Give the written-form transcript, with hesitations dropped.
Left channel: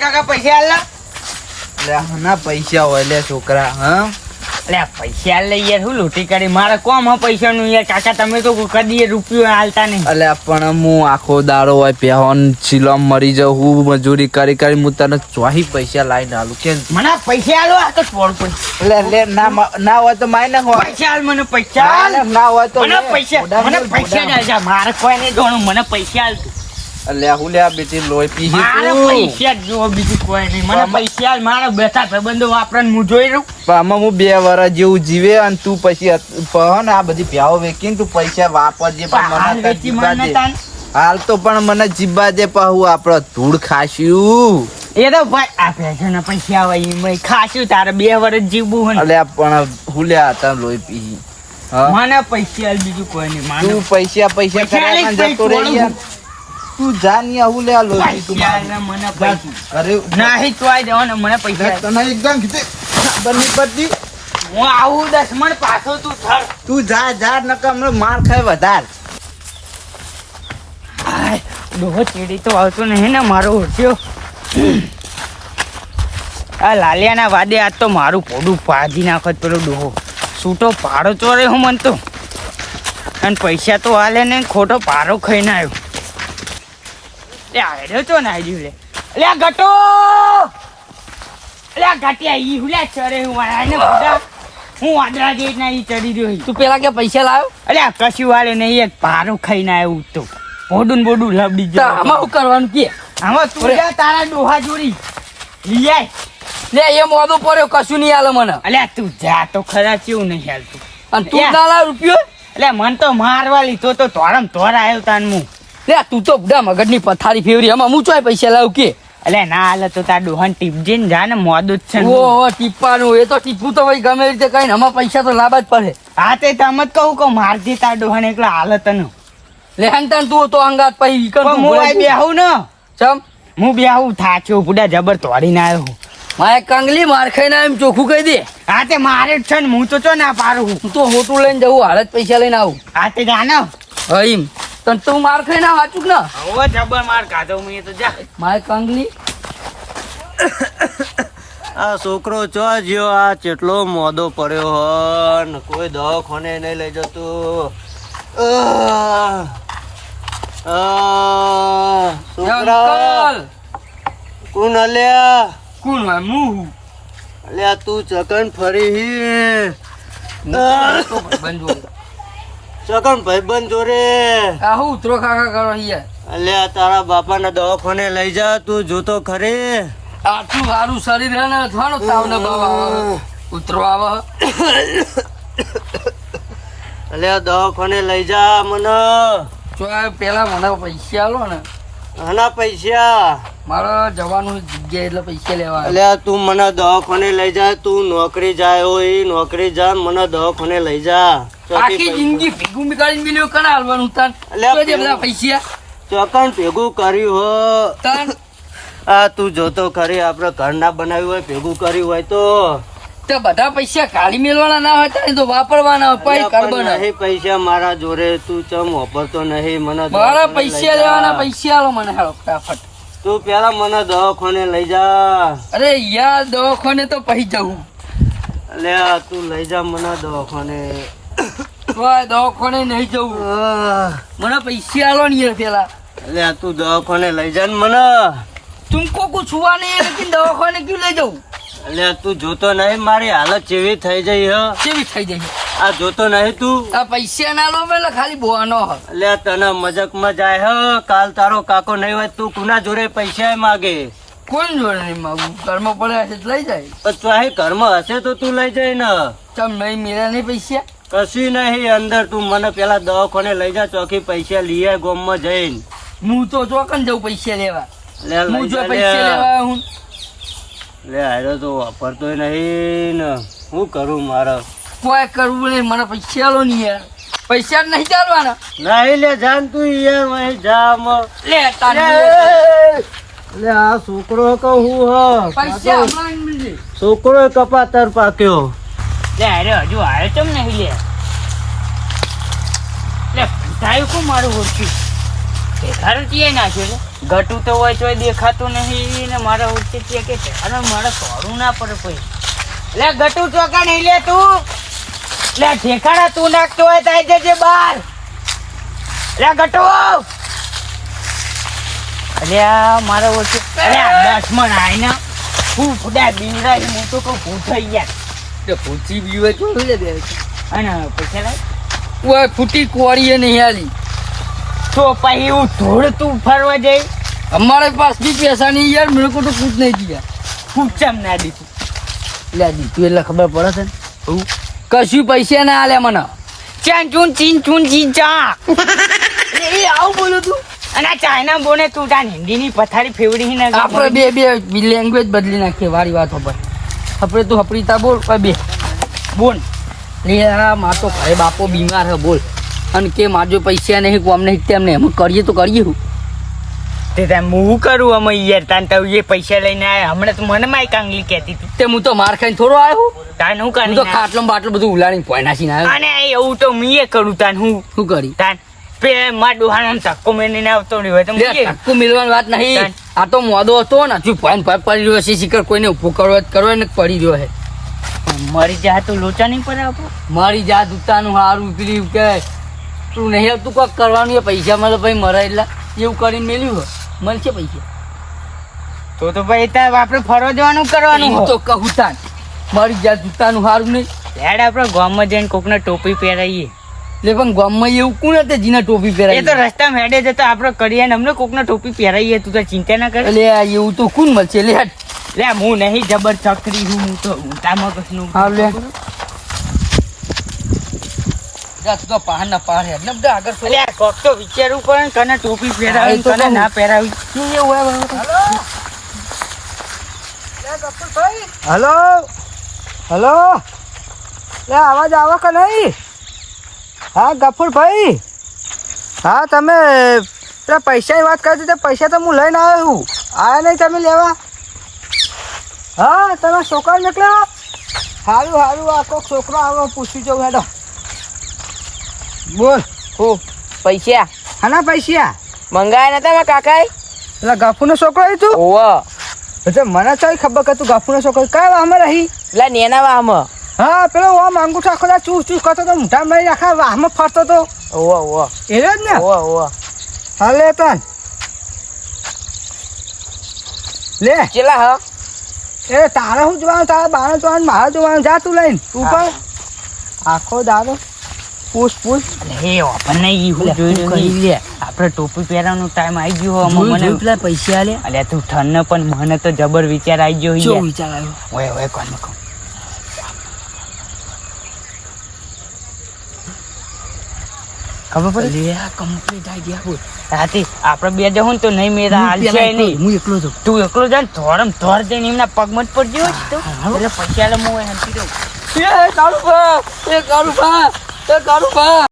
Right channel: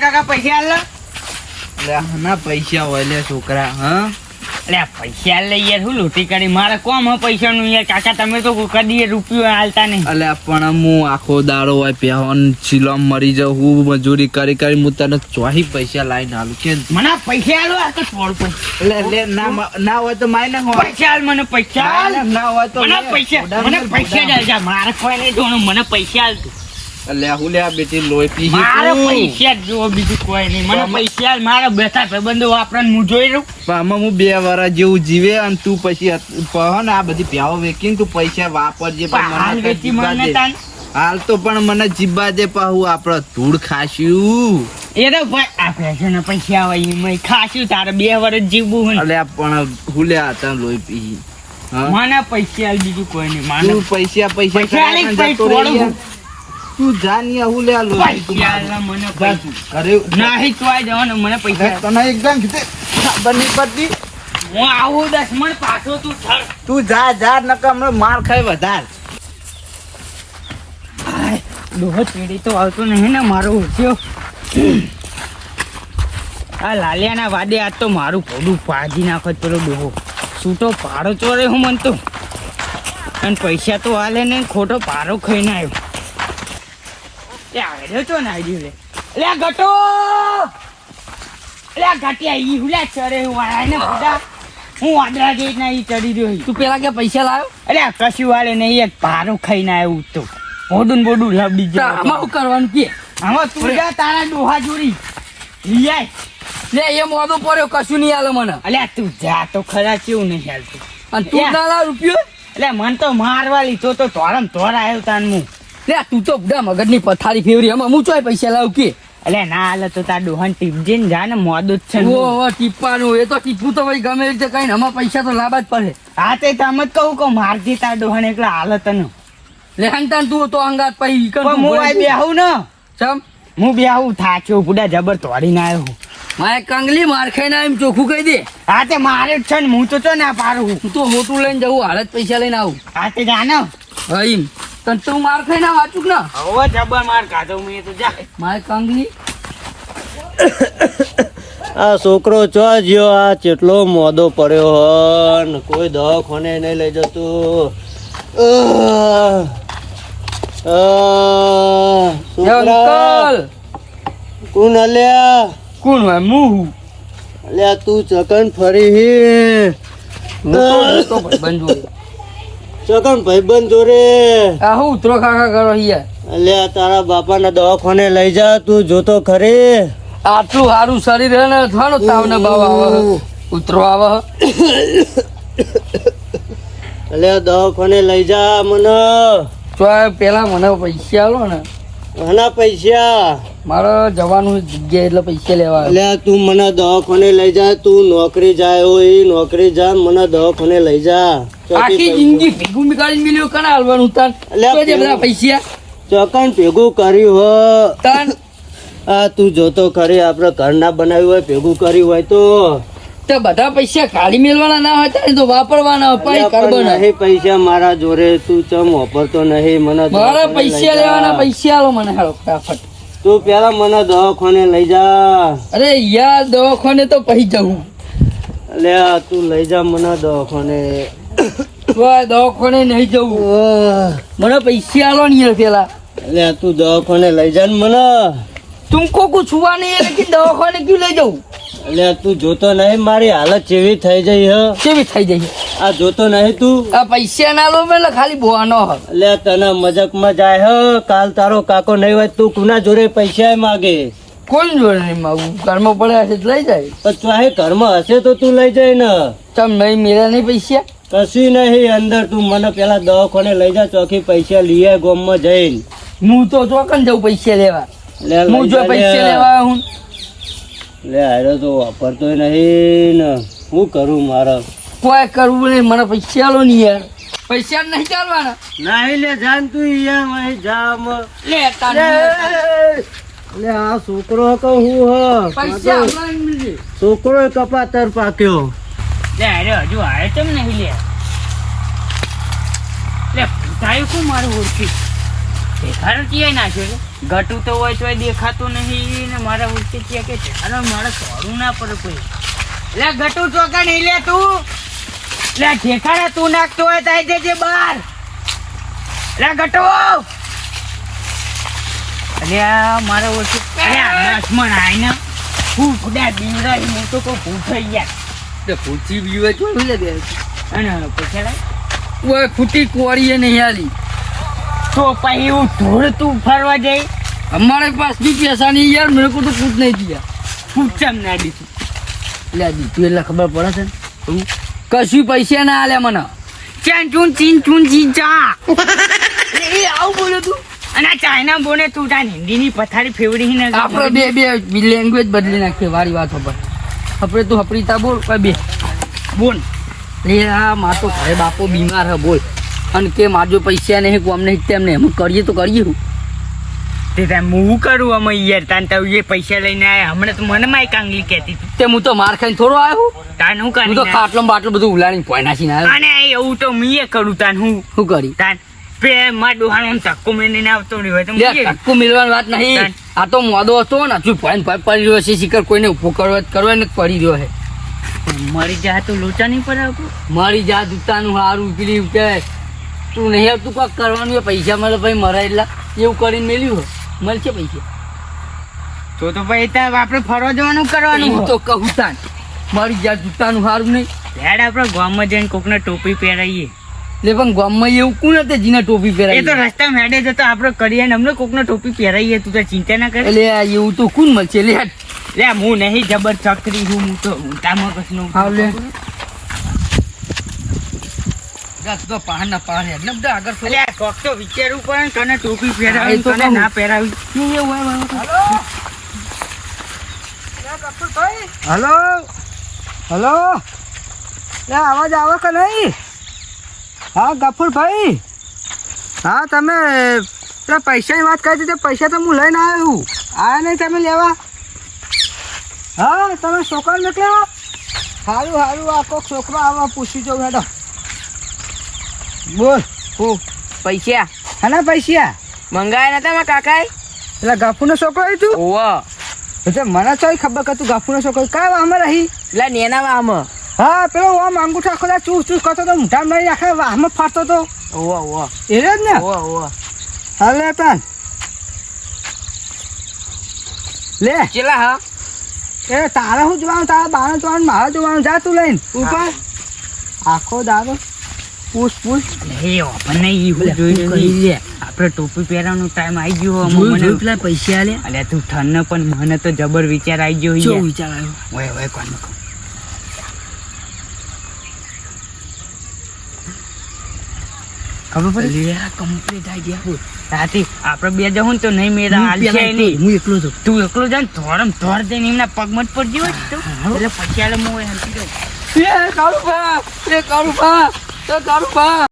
કાકા પૈસા આલ લે ના પૈસા હોય લે છોકરા. હા અલે પૈસા લઈ યાર હું લૂંટી કરી મારે કોમ હ પૈસા નું યાર કાકા તમે તો કદી રૂપિયો હાલતા નહીં. અલે પણ હું આખો દાડો હોય પહેન સિલોમ મરી જાઉં હું મજૂરી કરી કરી હું તને ચોહી પૈસા લાવીને આલું કે મને પૈસા આલો આ તો 100 રૂપિયા લે ના હોય તો માય ના પૈસા આલ મને પૈસા આલ. ના હોય તો મને પૈસા દે મારે કોઈ નહીં જોવાનું મને પૈસા આલ તું. અલે હું લે આ બેટી લોહી પી મારે પૈસા જો બીજું કોઈ નહીં મને પૈસા આલ. મારા બેઠા ભાઈબંધો વાપરને હું જોઈ રહ્યું આમાં હું 2 વર્ષ જેવું જીવે અને તું પછી ને આ બધી પ્યાવો વેકીને તું પૈસા વાપરજે. હાલ તો પણ મને જીબા દે પાહુ આપડે ધૂળ ખાસ્યું એ તો ભાઈ આ પૈસા પૈસા આવે એમાં ખાસ્યું તારે 2 વર્ષ જીવવું હોય. અલે પણ હું લે હતા લોહી પી મને પૈસા આલ બીજું કોઈ નહીં. મને પૈસા તું જાની હું લે લો મને પૈસા નહીં ચોઈ દેવાનો મને પૈસા તને એકદમ કીધે બની પડતી હું આવું 10 મણ પાછો તું થર તું જા નકા હમણાં માર ખાય વધાર. ડોહો ચીડી તો આવતો નહીં ને મારો ઓછો આ લાલિયાના વાદે આજ તો મારું પોડું પાજી નાખત પેલો ડોહો છૂટો પાડો ચોરે હું મનતો અને પૈસા તો હાલે નહીં ખોટો પારો ખાઈને આવ્યો. આવ્યો તો ના આવ્યું લે અલ્યા ગટો અલ્યા ગાટિયા ઈ હુલા ચરે હું આને બુડા હું વાદળા ગેટ ના ઈ ચડી રહ્યો. તું પેલા કે પૈસા લાવ્યો અલ્યા કશું વાળે નહીં એક પારો ખાઈને આવ્યો તો બોડું લબડી જાય. આમાં શું કરવાનું કે આમાં તું જા તારા ડોહા જોડી લઈ આય લે એ મોદો પડ્યો કશું નહીં આલે મને. અલ્યા તું જા તો ખરા કેવું નહીં હાલતું અને તું ના લાવ રૂપિયો એટલે મન તો મારવા લીધો તો તોરમ તોર આવ્યો તાન હું લે તું તો બધા મગજની પથારી ફેવરી એમાં હું ચોય પૈસા લાવ કે એટલે ના હાલે તો તાર ડોહન ટીપ જઈને જા ને મોદું જ છે. ઓહો ટીપવાનું એ તો ટીપવું તો ભાઈ ગમે રીતે કઈ આમાં પૈસા તો લાવવા જ પડે. હા તે તમ જ કહું મારજી તાર ડોહન એકલા હાલત ન લે હંતાન તું તો અંગાત પઈ હું બેહું ને ચમ હું બેહું થાક્યો બુડા જબર તોડીને આવ્યો. મારે કંગલી માર ખાઈને એમ ચોખ્ખું કહી દે. હા તે મારે જ છે ને હું તો ના પાડું હું તો હોટું લઈને જવું હાલત પૈસા લઈને આવું. હા તે જાનો હઈમ તન તું માર ખાઈને વાંચું ને હવે જબર માર કાઢો હું તો જા મારે કંગલી. આ છોકરો ચો જ્યો આ કેટલો મોદો પડ્યો હન કોઈ દવાખાને નહીં લઈ જતું. કોણ અલ્યા કોણ હોય મું અલ્યા તું ચકન ફરી ચકન ભાઈબંધ જોડે હું ઉતરો ખાખા કરો અહીંયા અલ્યા તારા બાપાના દવાખાને લઈ જા તું જોતો ખરી. આટલું સારું શરીર હે ને થાનો તાવને બાવા ઉતરો આવે અલ્યા દવાખાને લઈ જા મને. તો પેલા મને પૈસા આલો ને ઘણા પૈસા મારે જવાનું જગ્યા એટલે પૈસા લેવા. અલ્યા તું મને દવાખાને લઈ જા તું નોકરી જાય હોય નોકરી જા મને દવાખાને લઈ જા. આખી જિંદગી ભેગું નીકાળી મિલ્યો કના હાલવાનું તાન બધા પૈસા ચોકન ભેગું કર્યું હો તાન આ તું જોતો ખરી આપડે ઘર ના બનાવ્યું હોય ભેગું કર્યું હોય તો બધા પૈસા કાઢી મેળવાના ના હોય તો વાપરવાના અપાય કાર્બન નહીં પૈસા મારા જોડે તું ચમ વાપરતો નહીં મને મારા પૈસા લેવાના પૈસા આલો મને હાલો ફટાફટ. તું પેલા મને દવાખાને લઈ જા. અરે યાર દવાખાને તો પહી જવું. અલ્યા તું લઈ જા મને દવાખાને. દવાખાને નહીં જવું મને પૈસા આલો ને પેલા. અલ્યા તું દવાખાને લઈ જા ને મને. तुमको कुछ हुआ नहीं है लेकिन दवाखाने क्यों ले जाऊं? अल्યા તું જોતો નહીં મારી હાલત કેવી થઈ જઈ હ કેવી થઈ જઈ આ જોતો નહીં તું આ પૈસા ના લો મેં ખાલી બોવાનો હ અલ્યા તને મજાકમાં જાય હ કાલ તારો કાકો નહીં હોય તું કુના જોડે પૈસા માગે કોણ જોડે નહીં માગું ઘરમાં પડ્યા છે લઈ જાય પણ ચાહે ઘરમાં હશે તો તું લઈ જાય ને તમ નહીં મેરા નહીં પૈસા કશું નહીં અંદર તું મને પેલા દવાખાને લઈ જા ચોખી પૈસા લઈએ ગોમમાં જઈને હું તો ચોકન જાઉં પૈસા લેવા હું જો પૈસા લેવા હું લે આરો તો વાપરતો નહીં ને હું કરું મારે કોઈ કરવું નહીં મને પૈસા લો નહીં યાર પૈસા નહીં ચાલવાના નહીં લે જાન તું યાર મહી જામ લે તારી લે આ છોકરો કહું હ પૈસા હમણાં છોકરો કપાતર પાક્યો લે અરે હજુ આવ્યો ચમ નહીં લે ભૂતાયું કોણ મારું ઓળખ્યું ભેખારું ક્યાંય નાખ્યો લે ઘટું તો હોય તો દેખાતું નહીં ને મારા ઓળખી ત્યાં કે ભેખારું મારે સોરું ના પડે કોઈ લે ઘટું ચોકા નહીં લે તું લે ઠેકાણા તું નાખતો હોય તો આવી જજે બાર લે ઘટો અરે મારા ઓળખી લક્ષ્મણ આઈને હું ફૂડા બીવરાઈ હું તો કહું ભૂત થઈ ગયા પૂછી બીવે જોયું લે બે અને પૈસા લાવ ઓય ફૂટી કોળીએ નહીં આલી તો પછી હું ધોળ તું ફરવા જઈ हमारे पास भी पैसा नहीं यार मेरे को तो कुछ नहीं दिया ખૂબ ચમ ના દીધું લે દીધું એટલે ખબર પડે છે ને કશું પૈસા ના આલે મને ચાન ચૂન ચીન ચૂન ચીન ચા એ આવું બોલું તું અને આ ચાઇના બોને તું તાન હિન્દીની પથારી ફેવડી ને આપણે બે લેંગ્વેજ બદલી નાખીએ વારી વાત પર આપણે તું હપરીતા બોલ બે બોલ લે આ માર તો ઘરે બાપો બીમાર હે બોલ અને કે માજો પૈસા નહીં કોમ નહીં તેમને એમ કરીએ તો કરીએ હું તે તાર હું કરું અમે યાર તાન તો એ પૈસા લઈને આયા હમણાં તો મને માય કાંગલી કહેતી હતી તે હું તો માર ખાઈને થોડો આવ્યો તાન હું હું કરી તો ખાટલું બાટલું બધું ઉલાડીને પોઈ નાખીને આવ્યો અને એવું તો મીએ કરું તાન હું શું કરી તાન પે માં ડોહાનો ધક્કો મેને આવતો નહીં હોય તો લે મીએ. ટક્કુ મિલવાની વાત નહીં આ તો મોદો હતો ને હજુ પોઈન પડી રહ્યો છે શિખર કોઈને ઉભો કરવા ને પડી રહ્યો છે મરી જા તો લોચા નહીં પડાવતો મારી જાત ઉતાનું હારું પેલી કે તું નહીં આવતું કોક કરવાનું એ પૈસા મળે ભાઈ મરે એટલા એવું કરીને મેલ્યું હોય મળશે પૈસા તો ભાઈ તાર આપણે ફરવા જવાનું કરવાનું હું તો કહું તાન મારી જાત ઉતાનું હારું નહીં હેડ આપણે ગામમાં જઈને કોકને ટોપી પહેરાઈએ લે પણ ગામમાં એવું કોણ હતું જીને ટોપી એ તો પહેરાવી રસ્તામાં હેડે જતો આપણે કરીએ ને અમને કોકને ટોપી પહેરાઈએ તું તો ચિંતા ના કર એટલે એવું તો કોણ મળશે લે હેડ. લે હું નહીં જબર ચકરી હું તો ઊંટામાં કશનું હા લે દસ તો પહાડ ના પહાડ હેડ ને બધા આગળ થોડું. લે કોક તો વિચારવું પડે ને તને ટોપી હા, પહેરાવી એ તો તને કહું. ના પહેરાવી શું એવું હોય હલો હલો લે અવાજ આવો કે નહીં હા ગફુરભાઈ હા તમે પેલા પૈસાની વાત કરી હતી પૈસા તો હું લઈને આવ્યો છું આવ્યા નહીં તમે લેવા હા તમે છોકરા નીકળ્યા સારું સારું આ કોઈક છોકરો આવો પૂછી જાઉં હેડો બોલ હું પૈસા હાના પૈસા મંગાયા નતા મારા કાકાએ પેલા ગફુરનો છોકરો આવી તું ઓવો એટલે મને તો ખબર કે તું ગફુરનો છોકરો કયા વાહમાં રહી પેલા નેના વાહમાં હા પેલો આમ અંગૂઠા ખોલા ચૂસ ચૂસ કરતો તો મોઢા મારી આખા વાહમાં ફરતો તો ઓવો ઓવો એને જ ને ઓવો હાલે તન લે ચેલા હા એ તારે શું જોવાનું તારા બાને જોવાનું મારે જોવાનું જા તું લઈને ઉપર આખો દાડો પૂછ પૂછ હે આપણને ઈ હું જોઈ કરી લે આપણે ટોપી પહેરવાનો ટાઈમ આવી ગયો જોયું પેલા પૈસા લે અલ્યા તું ઠરને પણ મને તો જબર વિચાર આવી ગયો શું યાર. વિચાર આવ્યો ઓય ઓય કોણ કહું ખબર પડી લે આ કમ્પ્લીટ આઈડિયા બોલ રાતે આપણે બે જવું ને તો નહીં મેરા હાલ છે નહીં હું એકલો તો તું એકલો જા ને ધોરમ ધોર જઈને એમના પગમત પર જ્યો તો એટલે પછી આલે હું હંતી દઉં એ કાળુબા એ કાળુબા